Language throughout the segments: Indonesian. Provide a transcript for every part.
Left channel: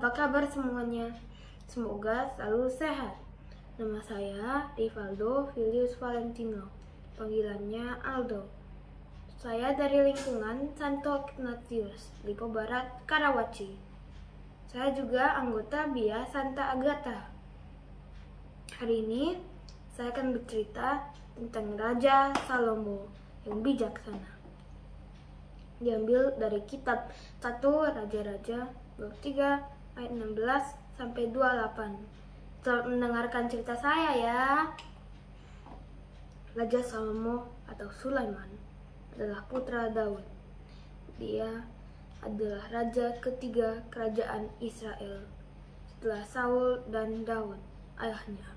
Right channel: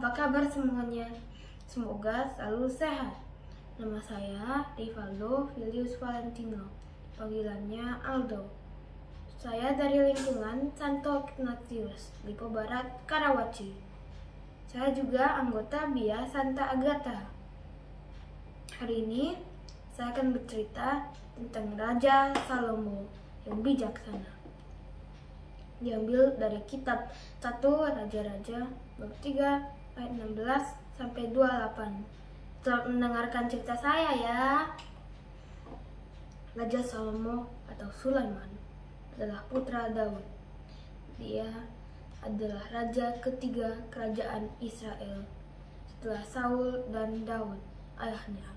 Apa kabar semuanya? Semoga selalu sehat. Nama saya Rivaldo Filius Valentino, panggilannya Aldo. Saya dari lingkungan Santo Ignatius, Lipo Barat, Karawaci. Saya juga anggota BIA Santa Agatha. Hari ini saya akan bercerita tentang Raja Salomo yang bijaksana. Diambil dari kitab 1 Raja-Raja bab 3 ayat 16 sampai 28. Selamat mendengarkan cerita saya ya. Raja Salomo atau Sulaiman adalah putra Daud. Dia adalah raja ketiga kerajaan Israel setelah Saul dan Daud ayahnya.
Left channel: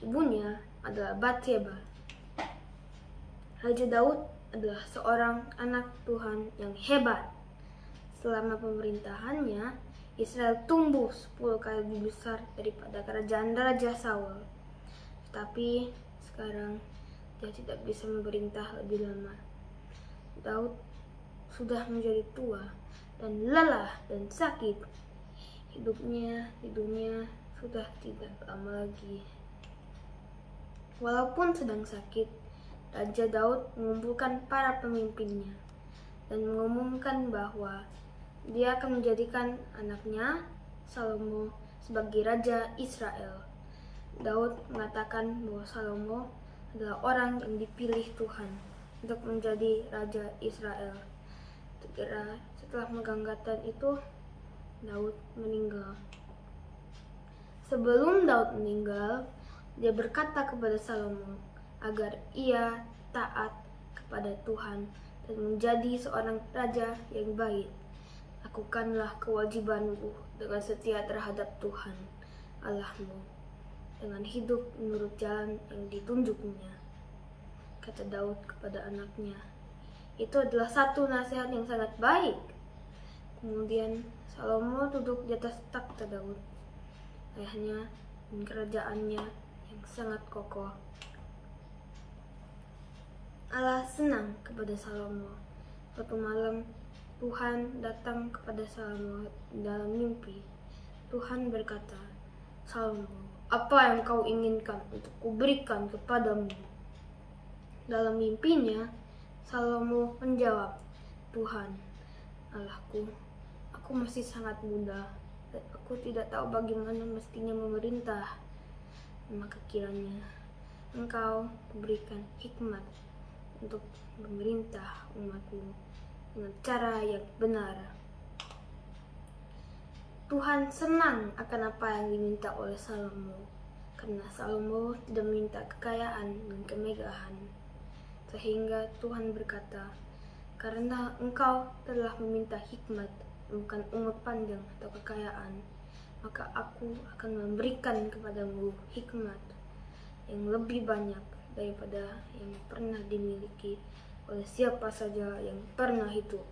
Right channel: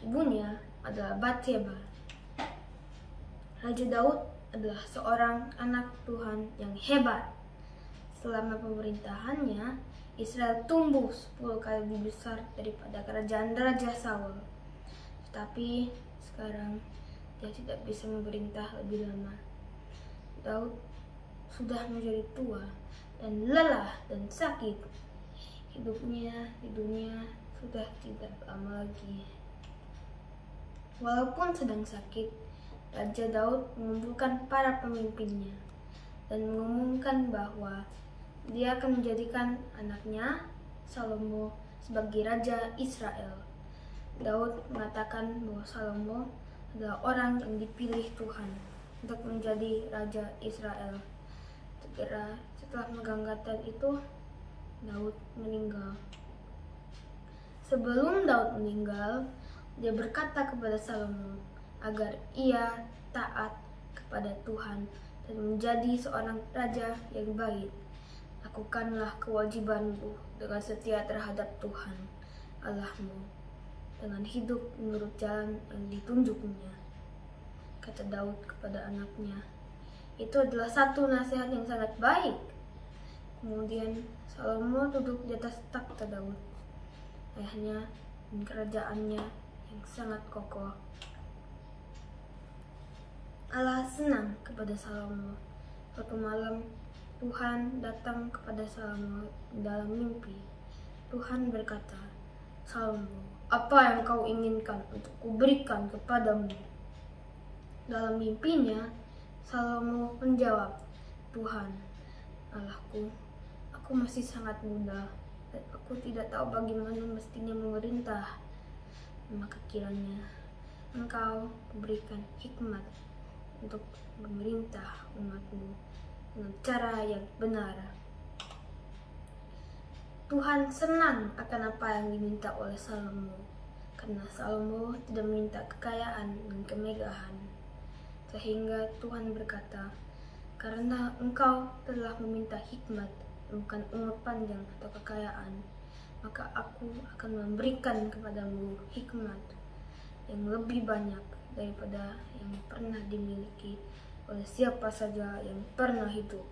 Ibunya adalah Bathsheba. Raja Daud adalah seorang anak Tuhan yang hebat. Selama pemerintahannya, Israel tumbuh 10 kali lebih besar daripada kerajaan Raja Saul. Tetapi sekarang dia tidak bisa memerintah lebih lama. Daud sudah menjadi tua dan lelah dan sakit. Hidupnya di dunia sudah tidak lama lagi. Walaupun sedang sakit, Raja Daud mengumpulkan para pemimpinnya dan mengumumkan bahwa dia akan menjadikan anaknya Salomo sebagai Raja Israel. Daud mengatakan bahwa Salomo adalah orang yang dipilih Tuhan untuk menjadi Raja Israel. Segera setelah penganggatan itu, Daud meninggal. Sebelum Daud meninggal, dia berkata kepada Salomo agar ia taat kepada Tuhan dan menjadi seorang raja yang baik. Lakukanlah kewajibanmu dengan setia terhadap Tuhan Allahmu, dengan hidup menurut jalan yang ditunjuknya, kata Daud kepada anaknya. Itu adalah satu nasihat yang sangat baik. Kemudian Salomo duduk di atas takhta Daud, ayahnya, dan kerajaannya yang sangat kokoh. Allah senang kepada Salomo. Suatu malam Tuhan datang kepada Salomo dalam mimpi. Tuhan berkata, "Salomo, apa yang kau inginkan untuk kuberikan kepadamu?" Dalam mimpinya, Salomo menjawab, "Tuhan, Allahku, aku masih sangat muda dan aku tidak tahu bagaimana mestinya memerintah. Maka kiranya Engkau berikan hikmat untuk memerintah umatmu dengan cara yang benar." Tuhan senang akan apa yang diminta oleh Salomo, karena Salomo tidak meminta kekayaan dan kemegahan. Sehingga Tuhan berkata, "Karena engkau telah meminta hikmat, bukan umur panjang atau kekayaan, maka aku akan memberikan kepadamu hikmat yang lebih banyak daripada yang pernah dimiliki oleh siapa saja yang pernah hidup.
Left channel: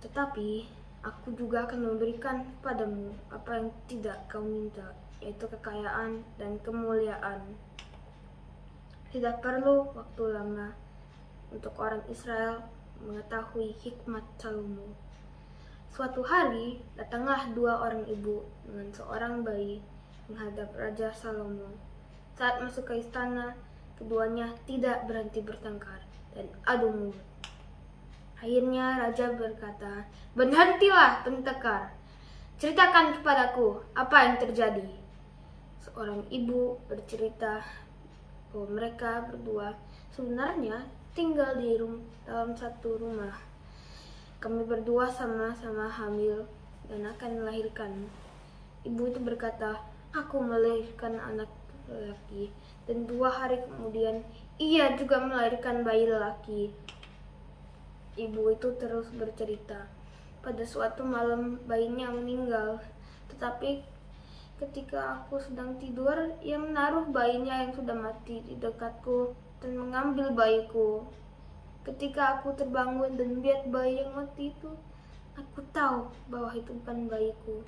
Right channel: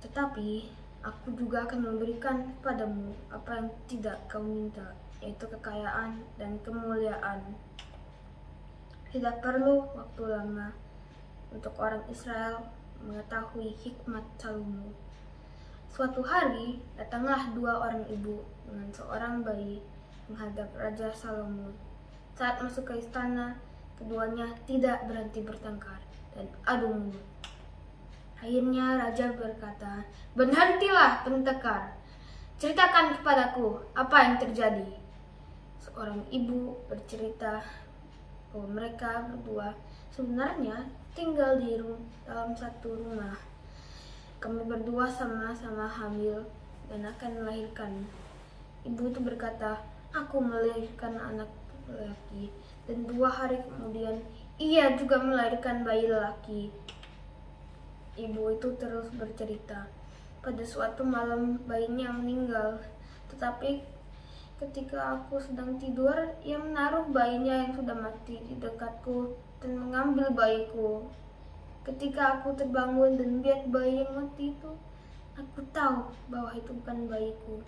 Tetapi aku juga akan memberikan kepadamu apa yang tidak kau minta, yaitu kekayaan dan kemuliaan." Tidak perlu waktu lama untuk orang Israel mengetahui hikmat Salomo. Suatu hari datanglah 2 orang ibu dengan seorang bayi menghadap Raja Salomo. Saat masuk ke istana, keduanya tidak berhenti bertengkar dan adu mulut. Akhirnya raja berkata, "Berhentilah bertengkar. Ceritakan kepadaku apa yang terjadi." Seorang ibu bercerita bahwa mereka berdua sebenarnya tinggal dalam satu rumah. "Kami berdua sama-sama hamil dan akan melahirkan." Ibu itu berkata, "Aku melahirkan anak lelaki, dan 2 hari kemudian ia juga melahirkan bayi lelaki." Ibu itu terus bercerita, "Pada suatu malam bayinya meninggal, tetapi ketika aku sedang tidur, ia menaruh bayinya yang sudah mati di dekatku dan mengambil bayiku. Ketika aku terbangun dan melihat bayi yang mati itu, aku tahu bahwa itu bukan bayiku."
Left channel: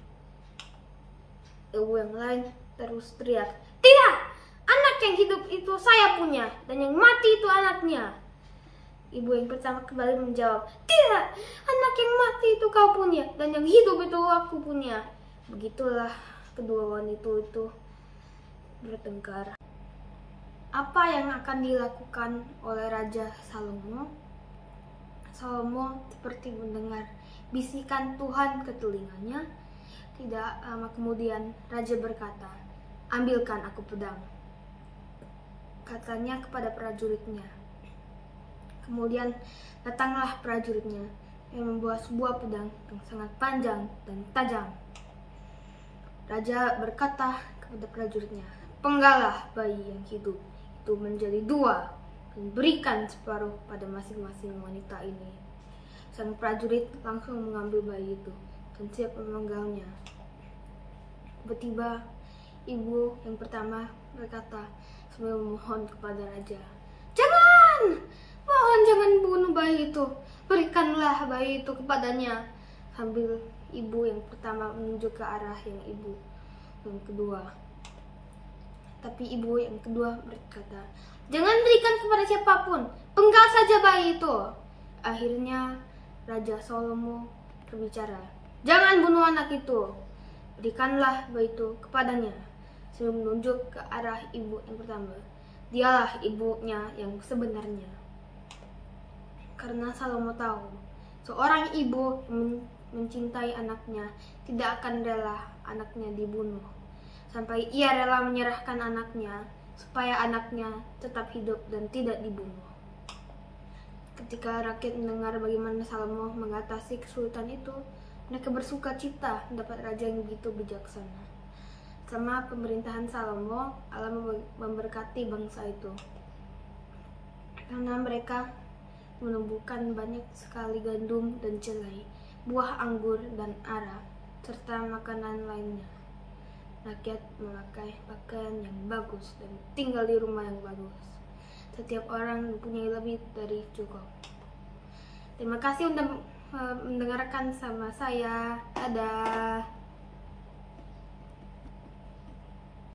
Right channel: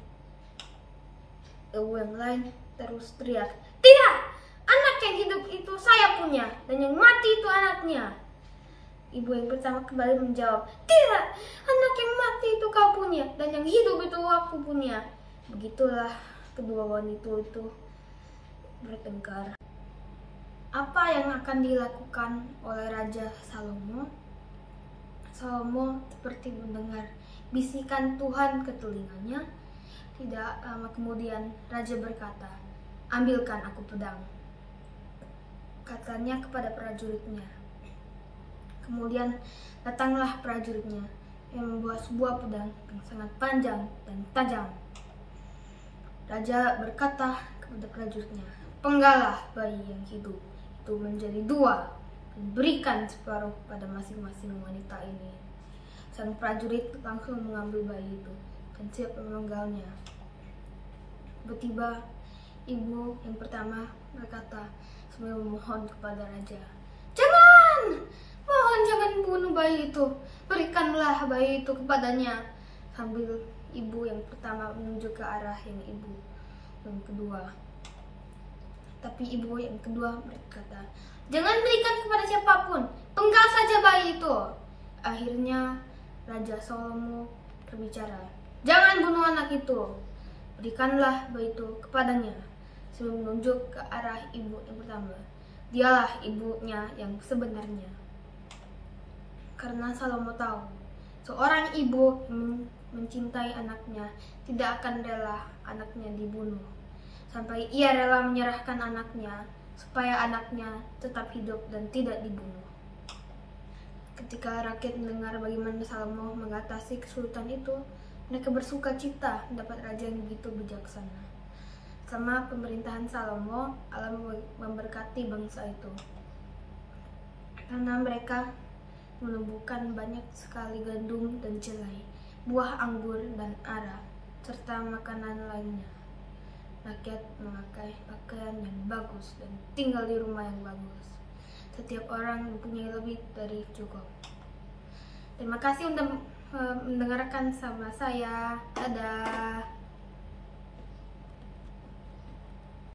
Ibu yang lain terus teriak, "Tidak! Anak yang hidup itu saya punya, dan yang mati itu anaknya." Ibu yang pertama kembali menjawab, "Tidak! Anak yang mati itu kau punya, dan yang hidup itu aku punya." Begitulah kedua wanita itu bertengkar. Apa yang akan dilakukan oleh Raja Salomo? Salomo seperti mendengar bisikan Tuhan ke telinganya. Tidak lama kemudian Raja berkata, "Ambilkan aku pedang," katanya kepada prajuritnya. Kemudian datanglah prajuritnya yang membawa sebuah pedang yang sangat panjang dan tajam. Raja berkata kepada prajuritnya, "Penggalah bayi yang hidup itu menjadi dua dan berikan separuh pada masing-masing wanita ini." Sang prajurit langsung mengambil bayi itu dan siap memenggalnya. Tiba-tiba ibu yang pertama berkata sambil memohon kepada raja, "Jangan! Mohon jangan bunuh bayi itu. Berikanlah bayi itu kepadanya." Sambil ibu yang pertama menunjuk ke arah yang ibu yang kedua. Tapi ibu yang kedua berkata, "Jangan berikan kepada siapapun. Penggal saja bayi itu." Akhirnya Raja Salomo berbicara, "Jangan bunuh anak itu. Berikanlah bayi itu kepadanya." Sambil menunjuk ke arah ibu yang pertama. Dialah ibunya yang sebenarnya. Karena Salomo tahu, seorang ibu yang mencintai anaknya tidak akan rela anaknya dibunuh, sampai ia rela menyerahkan anaknya supaya anaknya tetap hidup dan tidak dibunuh. Ketika rakyat mendengar bagaimana Salomo mengatasi kesulitan itu, mereka bersuka cita mendapat raja yang begitu bijaksana. Selama pemerintahan Salomo, Allah memberkati bangsa itu karena mereka menumbuhkan banyak sekali gandum dan jelai, buah anggur dan ara, serta makanan lainnya. Rakyat memakai pakaian yang bagus dan tinggal di rumah yang bagus. Setiap orang mempunyai lebih dari cukup. Terima kasih untuk mendengarkan sama saya. Dadah.